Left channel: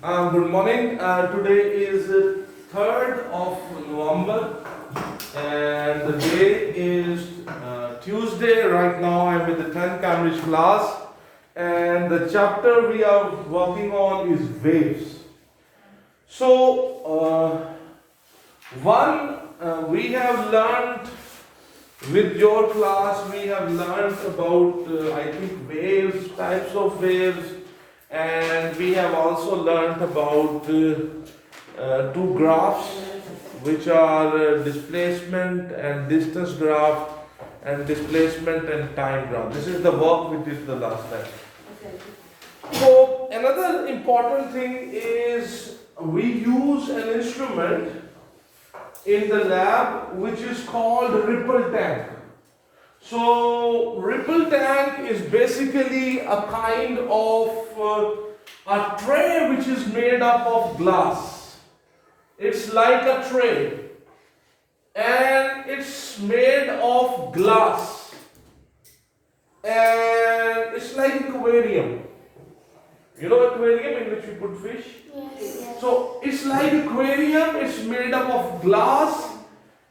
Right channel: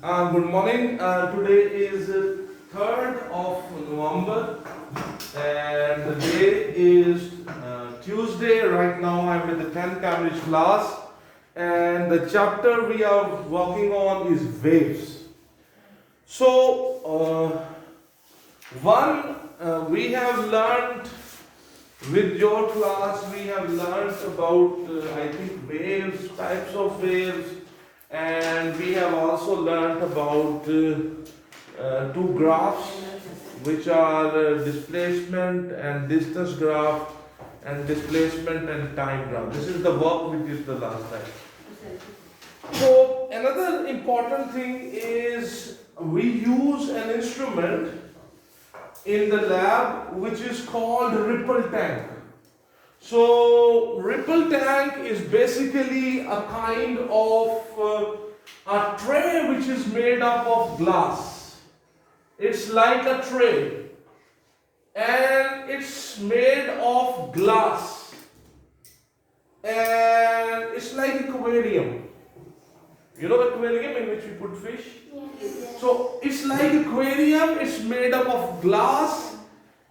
Good morning. Today is 3rd of November and the day is Tuesday. Right now I'm with the 10th Cambridge class and the chapter we are working on is waves. So, we have learned with your class, we have learned about I think waves, types of waves, and we have also learned about two graphs which are displacement and distance graph and displacement and time graph. This is the work we did the last time. So another important thing is we use an instrument in the lab which is called ripple tank. So ripple tank is basically a kind of a tray which is made up of glass. It's like a tray and it's made of glass and it's like aquarium. You know aquarium in which we put fish? Yes. So it's like aquarium, it's made up of glass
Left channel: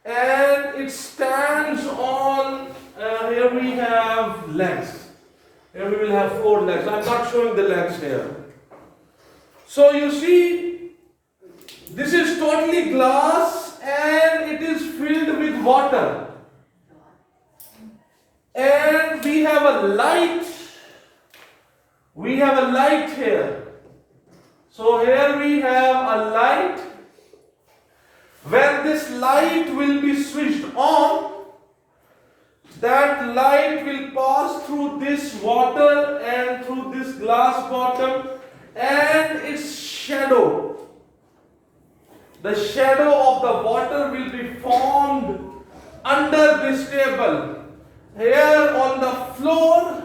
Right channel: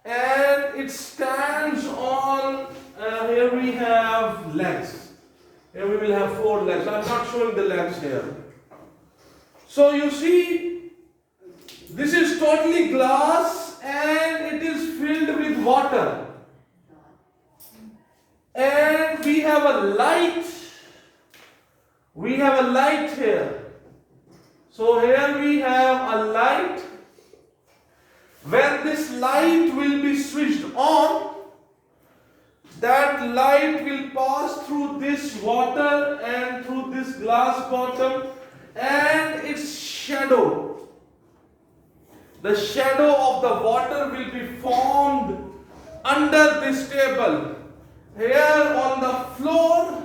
and it stands on, here we have legs. Here we will have 4 legs. I'm not showing the legs here. So you see, this is totally glass and it is filled with water. And we have a light. We have a light here. So here we have a light. When this light will be switched on, that light will pass through this water and through this glass bottom and its shadow. The shadow of the water will be formed under this table. Here on the floor,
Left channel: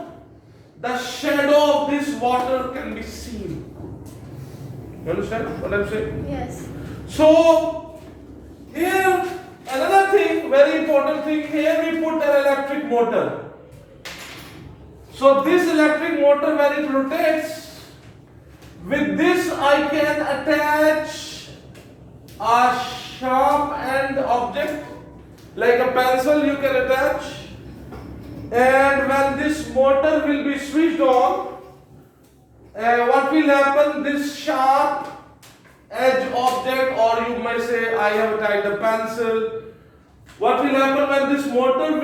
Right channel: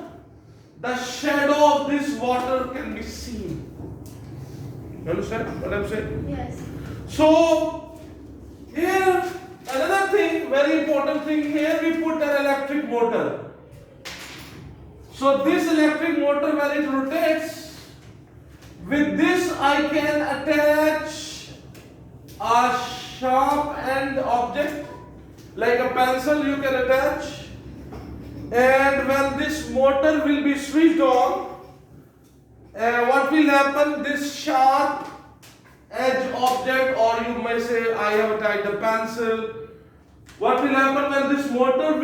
the shadow of this water can be seen. You understand what I'm saying? Yes. So, here, another thing, very important thing, here we put an electric motor. So, this electric motor, when it rotates, with this I can attach a sharp end object, like a pencil you can attach. And when this motor will be switched on, what will happen? This sharp edge object, or you may say I have attached a pencil. What will happen when this motor will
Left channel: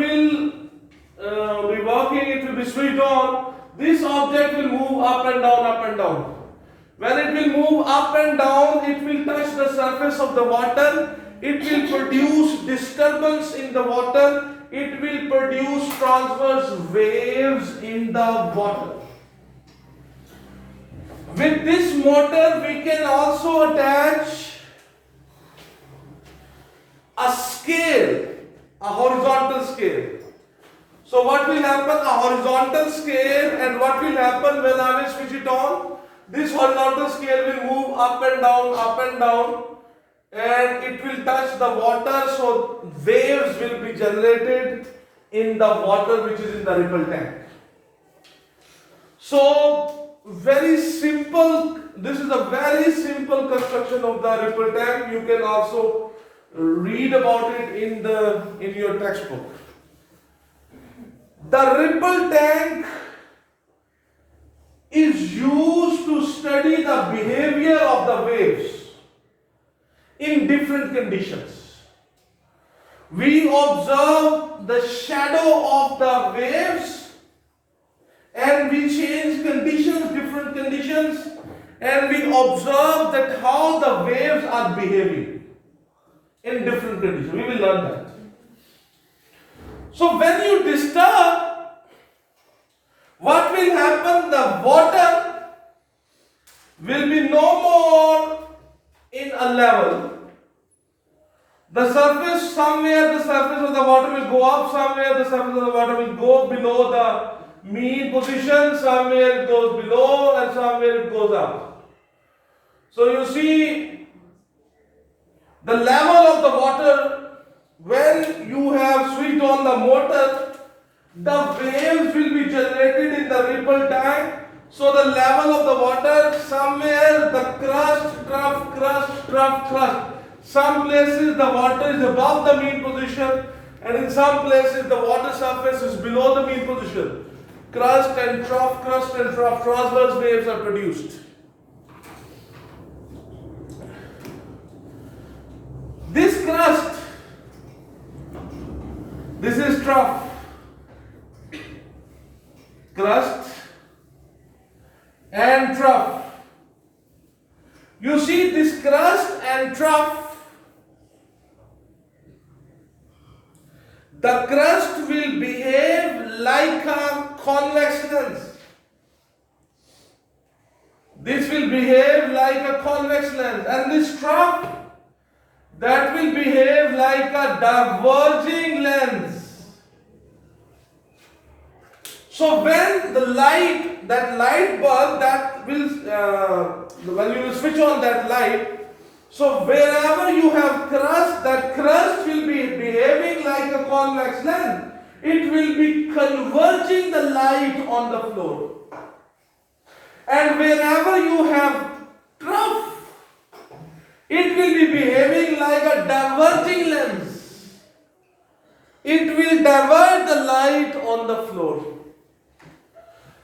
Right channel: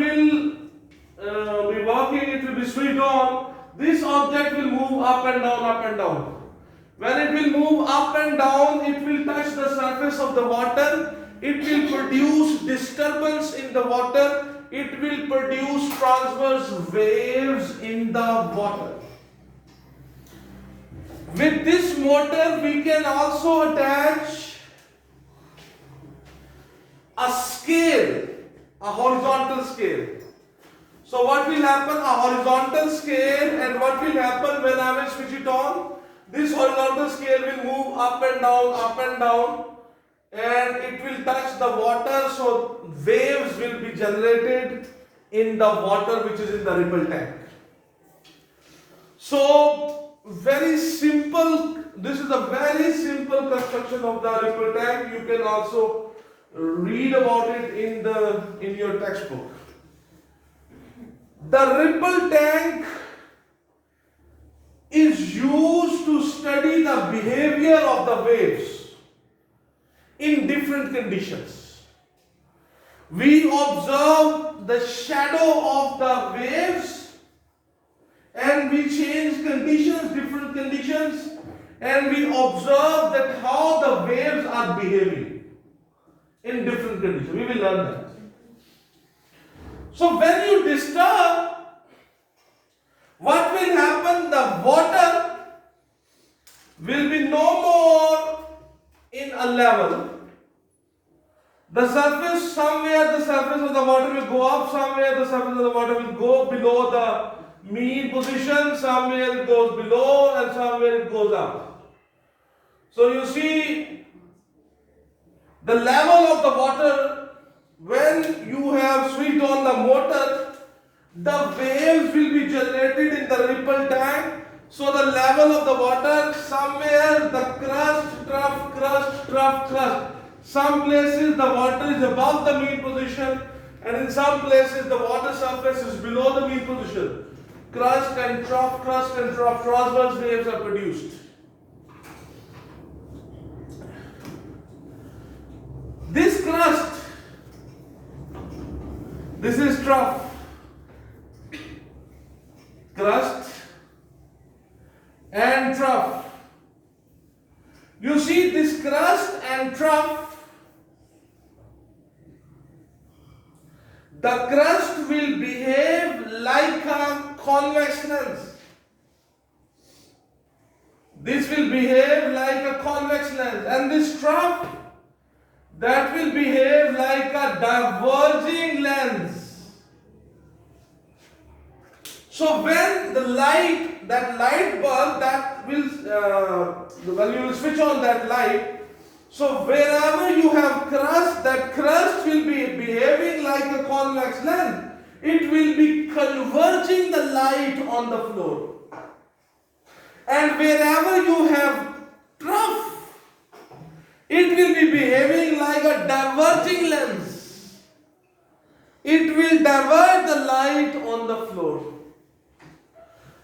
be working? It will be switched on. This object will move up and down, up and down. When it will move up and down, it will touch the surface of the water. It will produce disturbance in the water. It will produce transverse waves in the water. With this motor, we can also attach a scale, a horizontal scale. So what will happen? A horizontal scale, and what will happen when I will switch it on? This horizontal scale will move up and down, and it will touch the water, so waves will be generated in the water which is in the ripple tank. So very simple, this is a very simple construction of the ripple tank. You can also read about it in your textbook. The ripple tank is used to study the behavior of the waves in different conditions. We observe the shadow of the waves and we change conditions, different conditions, and we observe that how the waves are behaving in different conditions. We will learn that. So when you disturb, what will happen? The water will be no more in a level. The surface, somewhere the surface of the water will go up, somewhere the surface of the water will go below the mean position, somewhere it goes below and somewhere it goes up. So you see the level of the water, when you have switched on the motor, the waves will be generated in the ripple tank. So the level of the water, somewhere the the crust, trough, crust, trough, crust. Some places the water is above the mean position, and in some places the water surface is below the mean position. Crust and trough, transverse waves are produced. This crust, this is trough. Crust and trough. You see this crust and trough, the crust will behave like a convex lens. This will behave like a convex lens, and this trough, that will behave like a diverging lens. So when the light, that light bulb, that will, when you will switch on that light, so wherever you have crust, that crust will be behaving like a convex lens. It will be converging the light on the floor. And wherever you have trough, it will be behaving like a diverging lens. It will divert the light on the floor.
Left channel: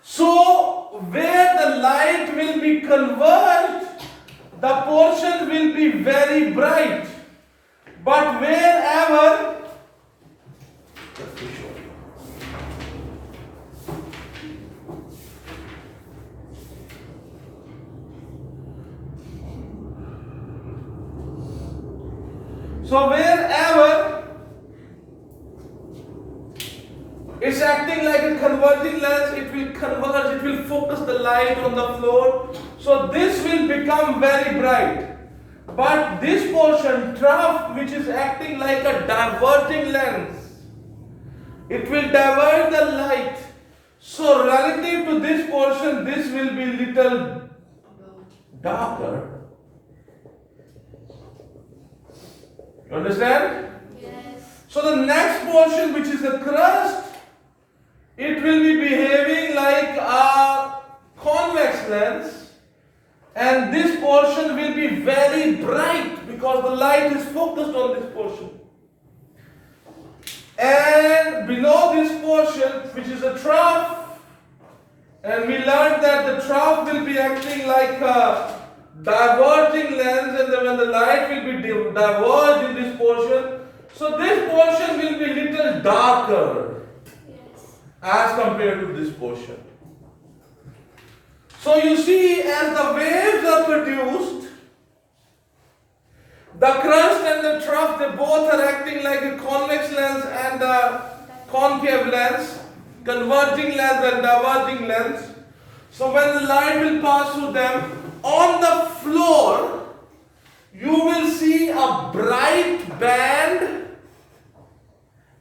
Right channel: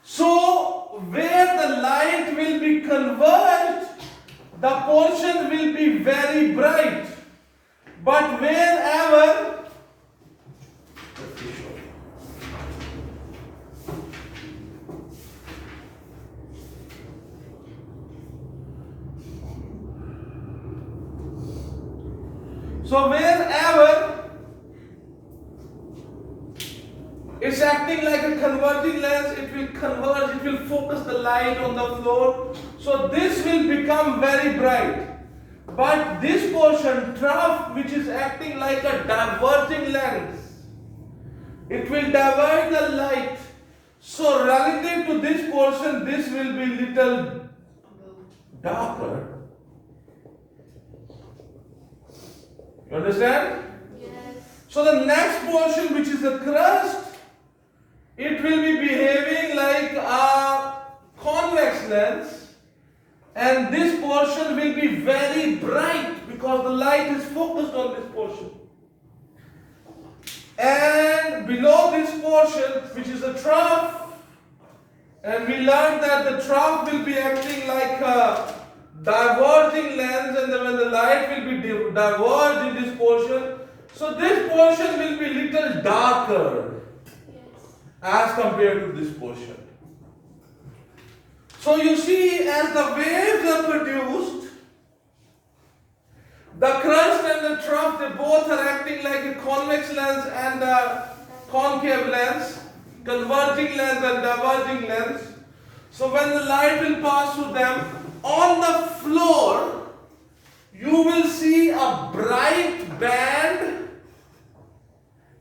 So, where the light will be converged, the portion will be very bright. But wherever, so wherever it's acting like a converging lens, it will converge, it will focus the light on the floor. So this will become very bright. But this portion, trough, which is acting like a diverging lens, it will divert the light. So relative to this portion, this will be little darker. Understand? Yes. So the next portion, which is the crust, it will be behaving like a convex lens, and this portion will be very bright because the light is focused on this portion. And below this portion, which is a trough, and we learned that the trough will be acting like a diverging lens, and then when the light will be diverged in this portion, so this portion will be little darker as compared to this portion. So you see, as the waves are produced, the crust and the trough, they both are acting like a convex lens and a concave lens, converging lens and diverging lens. So when the light will pass through them, on the floor, you will see a bright band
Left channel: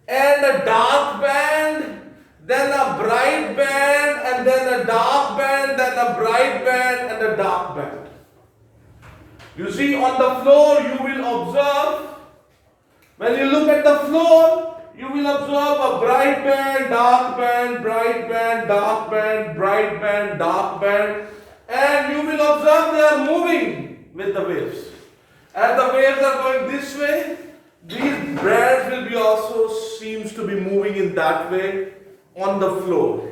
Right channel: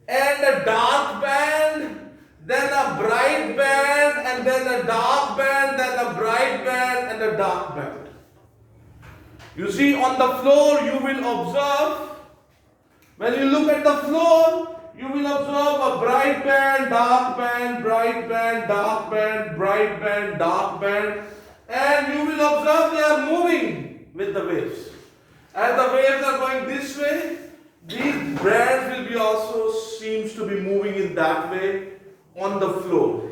and a dark band, then a bright band, and then a dark band, then a bright band, and a dark band. You see, on the floor, you will observe, when you look at the floor, you will observe a bright band, dark band, bright band, dark band, bright band, dark band, and you will observe they are moving with the waves. As the waves are going this way, these bands will be also seems to be moving in that way on the floor.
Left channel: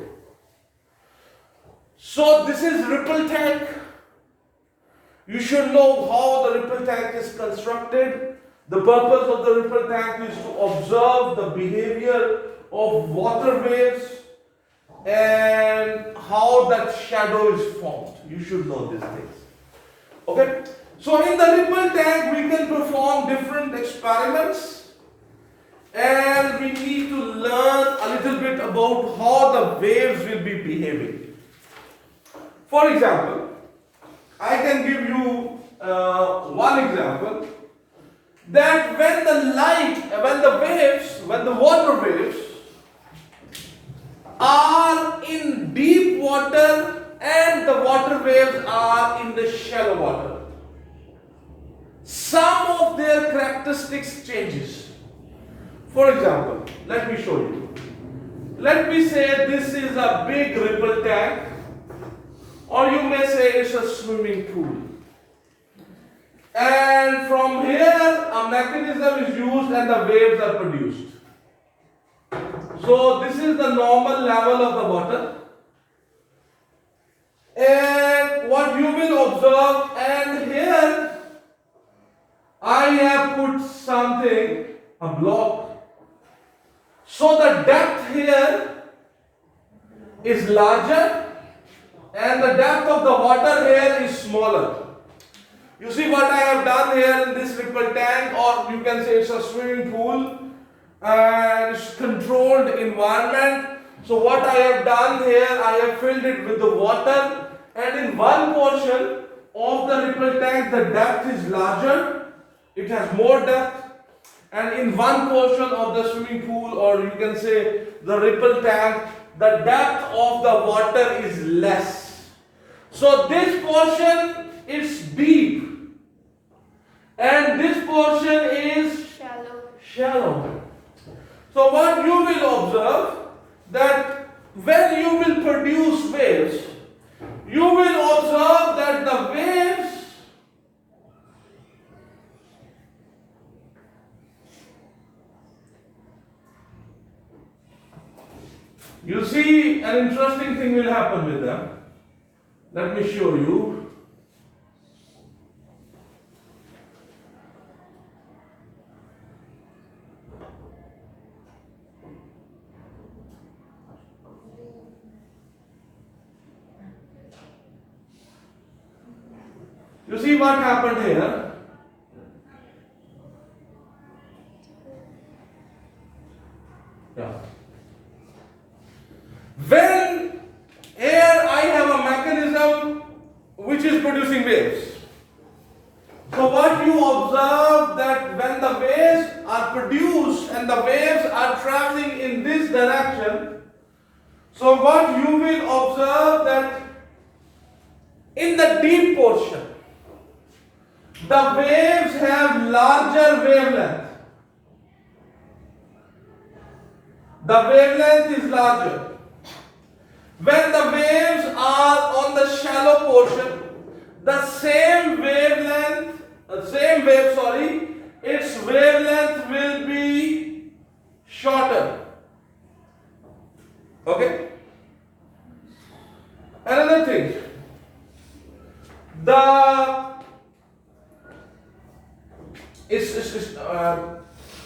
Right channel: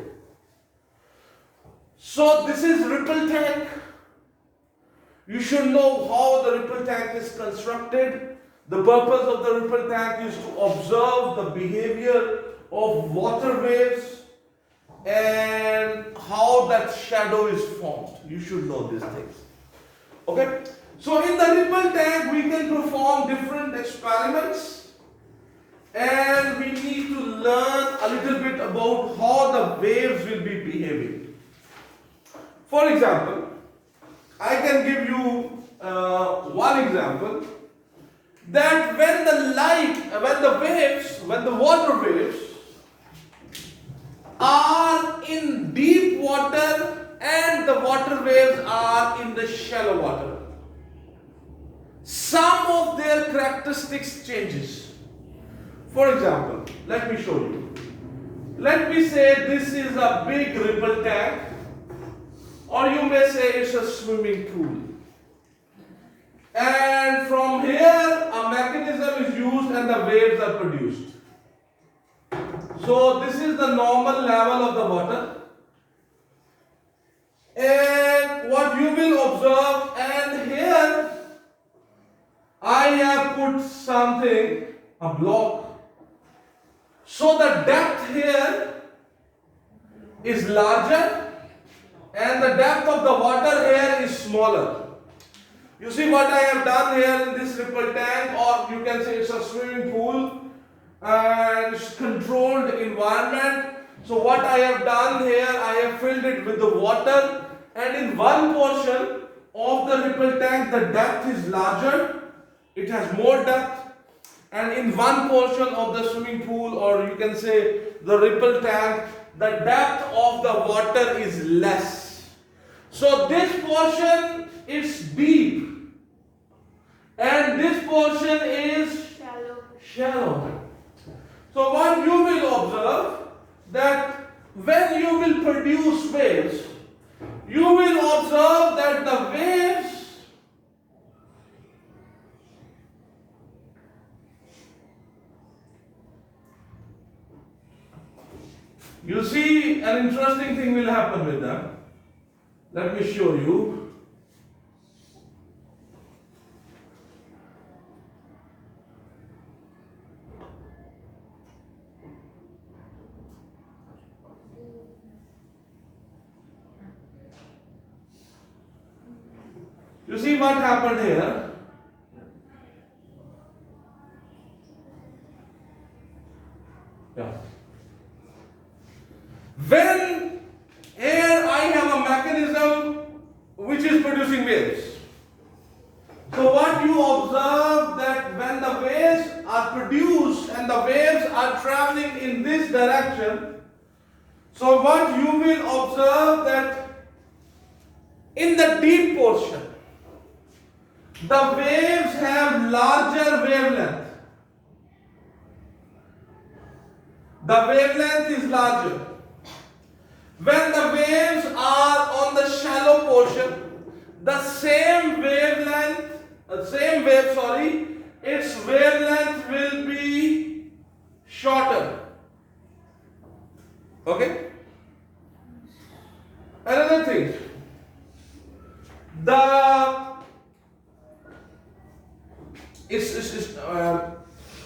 So this is ripple tank. You should know how the ripple tank is constructed. The purpose of the ripple tank is to observe the behavior of water waves and how that shadow is formed. You should know these things. Okay? So in the ripple tank, we can perform different experiments, and we need to learn a little bit about how the waves will be behaving. For example, I can give you one example, that when the water waves are in deep water and the water waves are in the shallow water, some of their characteristics changes. For example, let me show you. Let me say this is a big ripple tank, or you may say it's a swimming pool. And from here, a mechanism is used and the waves are produced. So this is the normal level of the water. And what you will observe, and here I have put something, a block. So the depth here is larger and the depth of the water here is smaller. You see what I have done here in this ripple tank, or you can say it's a swimming pool and it's controlled environment. So what I have done here, I have filled it with the water, and in one portion of the ripple tank the depth is larger, it has more depth, and in one portion of the swimming pool, or you can say the ripple tank, the depth of the water is less. So this portion is deep and this portion is shallow. So what you will observe, that when you will produce waves, you will observe that the waves you see an interesting thing will happen with them. Let me show you. You see what happened here? Yeah. When here I have a mechanism which is producing waves. So what you observe, that when the waves are produced and the waves are traveling in this direction, so what you will observe, that in the deep portion the waves have larger wavelength. The wavelength is larger. When the waves are on the shallow portion, the same wavelength, its wavelength will be shorter. Okay? Another thing,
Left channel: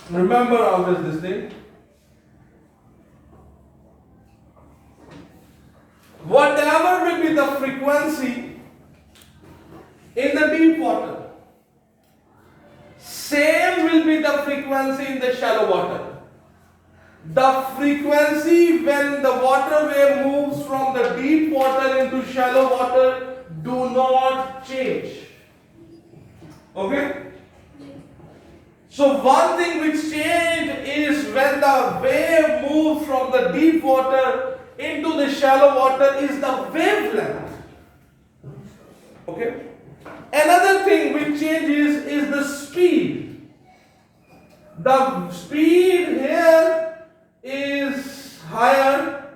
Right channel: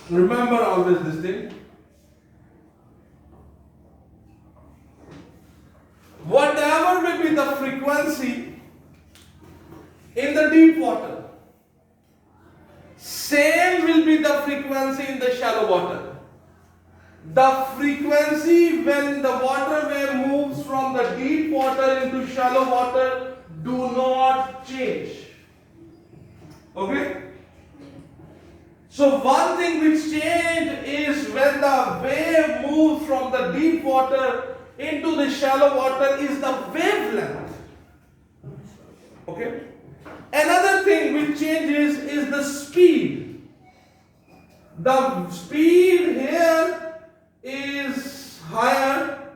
remember always this thing. Whatever will be the frequency in the deep water, same will be the frequency in the shallow water. The frequency when the water wave moves from the deep water into shallow water do not change. Okay? So one thing which changes is when the wave moves from the deep water into the shallow water is the wavelength. Okay? Another thing which changes is the speed. The speed here is higher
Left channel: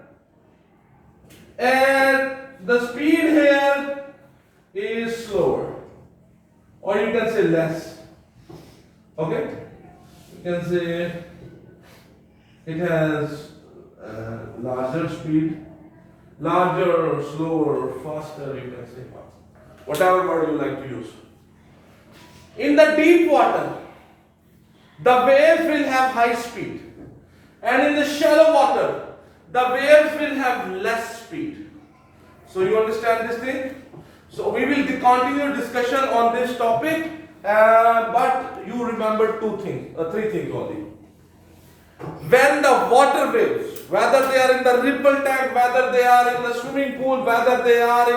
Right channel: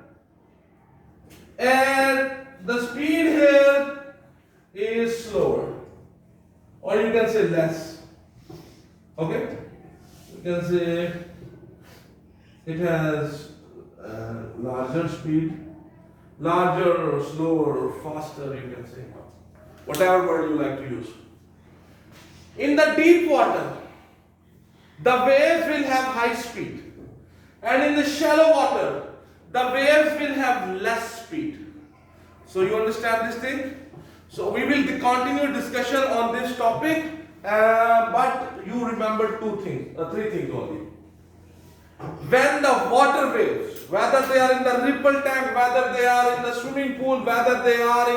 and the speed here is slower, or you can say less. Okay? You can say it has larger speed, larger or slower or faster, you can say. Whatever word you like to use. In the deep water, the waves will have high speed. And in the shallow water, the waves will have less speed. So you understand this thing? So we will continue discussion on this topic. But you remember three things only. When the water waves, whether they are in the ripple tank, whether they are in the swimming pool, whether they are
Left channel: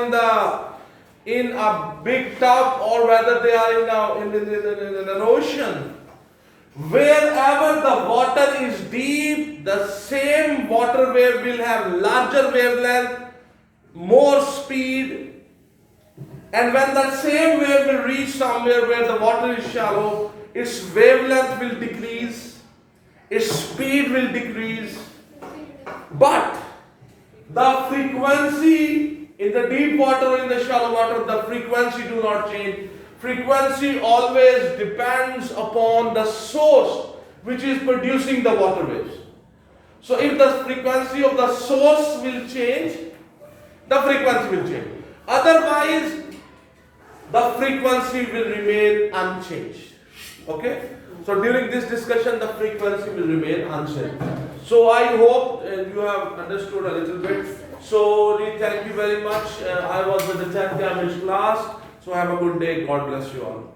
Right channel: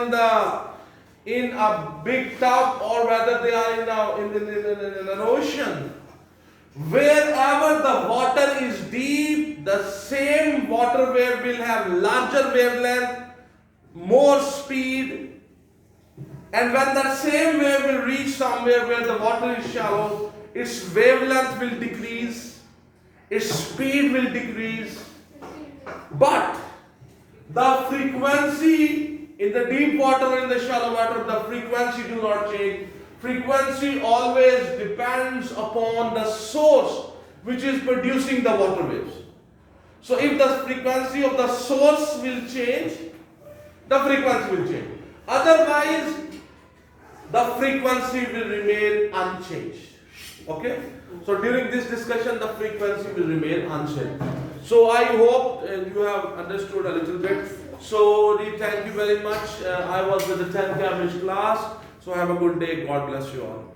in a big tub, or whether they are in an ocean, wherever the water is deep, the same water wave will have larger wavelength, more speed. And when the same wave will reach somewhere where the water is shallow, its wavelength will decrease, its speed will decrease, but the frequency in the deep water or in the shallow water, the frequency do not change. frequency always depends upon the source which is producing the water waves. So if the frequency of the source will change, the frequency will change. Otherwise, the frequency will remain unchanged. Okay? So during this discussion, the frequency will remain unchanged. So I hope you have understood a little bit. So really thank you very much. I was with the 10th English class. So have a good day. God bless you all.